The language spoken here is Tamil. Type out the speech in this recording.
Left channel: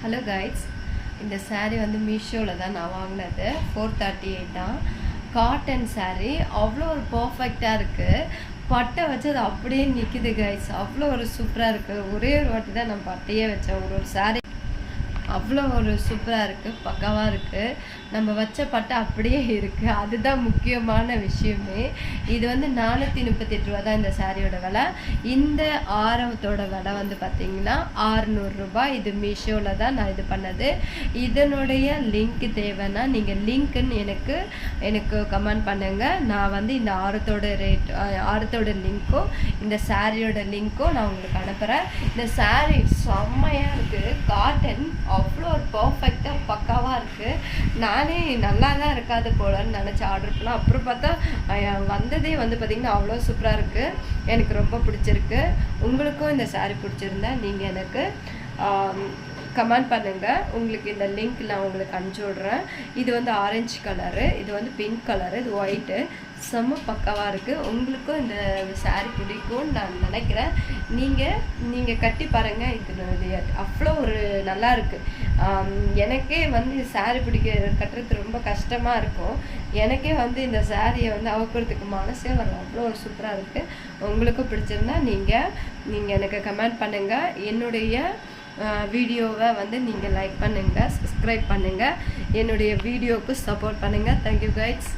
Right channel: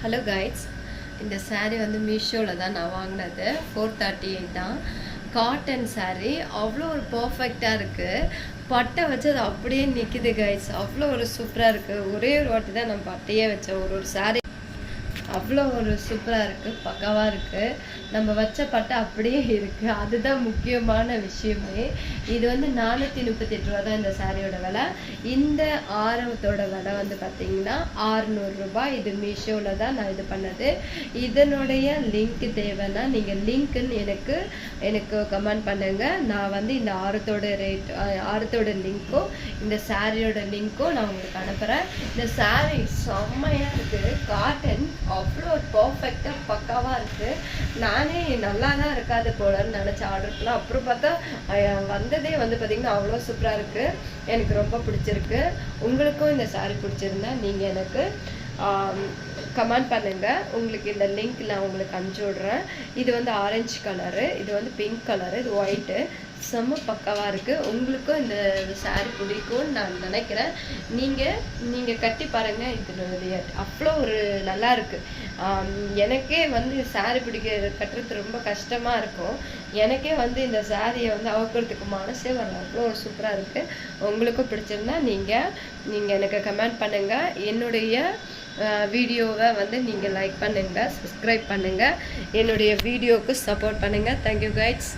ஹலோ கைட்ஸ், இந்த சாரீ வந்து மீஷோவில் தான் நான் வாங்கினது. 438 தான். காட்டன் சாரீ அவ்வளோ ஒரு பர்ஃபெக்டாக இருக்குது. பட்டை வச்சு அது அப்படியே நிற்கிது கைட்ஸ். அவ்வளோ ஒரு சூப்பராக இருக்குது. ஒரே ஒரு வாட்டி தான் நான் பட்டையே வச்சேன். ஒரு சாரீ அவ்வளோ ஒரு சூப்பராக இருக்குது, பக்காவாக இருக்குது. நம்ம வச்ச பட்டை அப்படியே இருக்குது. அதுதான் முக்கியமான விஷயமே. இது வந்து 438 ரூபா தான் இந்த சாரியோட விலை. இந்த ஆரத்தோட விலை வந்து பார்த்திங்கன்னா 600 ரூபாய். இது மீஷோவில் தான் நான் இது பண்ணது. இதனுடைய லிங்க் தேவைன்னா நீங்கள் லிங்க்குன்னு எனக்கு கமெண்ட் பண்ணுங்கள். நான் வந்து இந்த ஆரத்தோட லிங்க்கும் இந்த சாரியோட லிங்க்கும் நான் உங்களுக்கு அனுப்புகிறேன். இந்த சாரீ செம்மையாக இருக்குது. காட்டன் அவ்வளோ ஒரு பர்ஃபெக்டாக பக்காவாக இருக்குது. நானே நல்லா தான் இருக்காது போலன்னு நினச்சி ஆர்டர் பண்ணேன். அப்புறம் பார்த்தா வந்ததே வந்து பார்த்திங்கன்னா அவ்வளோ சூப்பராக இருக்குது. எனக்கு ரொம்ப பிடிச்சிருக்கு. உங்களுக்கும் இந்த சாரீ பிடிச்சிருந்தா நீங்கள் எனக்கு கமெண்ட் பண்ணுங்கள். உங்களுக்கு இந்த லிங்க் நான் உங்களுக்கு அனுப்பிச்சி விட்றேன். இது வந்து ஆரஞ்சு கலரு, இது வந்து பிங்க் கலரு, இது ஒயிட்டு. செம்ம பக்காவாக இருக்குது. உங்களுக்கும் இந்த சாரீ பிடிக்கும்னு நான் நினைக்கிறேன். நீங்கள் கட்டி பாருங்கள். இது அவ்வளோ ஒரு நல்லா இருக்குது. எனக்கே வந்து சாரீ கட்டுறது ரொம்ப கஷ்டமாக இருக்கும். எனக்கே வந்து இந்த சாரியை வந்து அவுக்கிறதுக்கு மனசே வரல. அவ்வளோ ஒரு சூப்பராக இருக்குது. உங்களுக்கும் பிடிச்சிருந்தா நீங்கள் எனக்கு கமெண்ட் பண்ணுங்கள். என்னுடைய வீடியோவை வந்து நீங்கள் லைக் பண்ணுங்கள், சப்ஸ்கிரைப் பண்ணுங்கள், என்னுடைய வீடியோவுக்கு சப்போர்ட் பண்ணுங்கள். Thank you guides.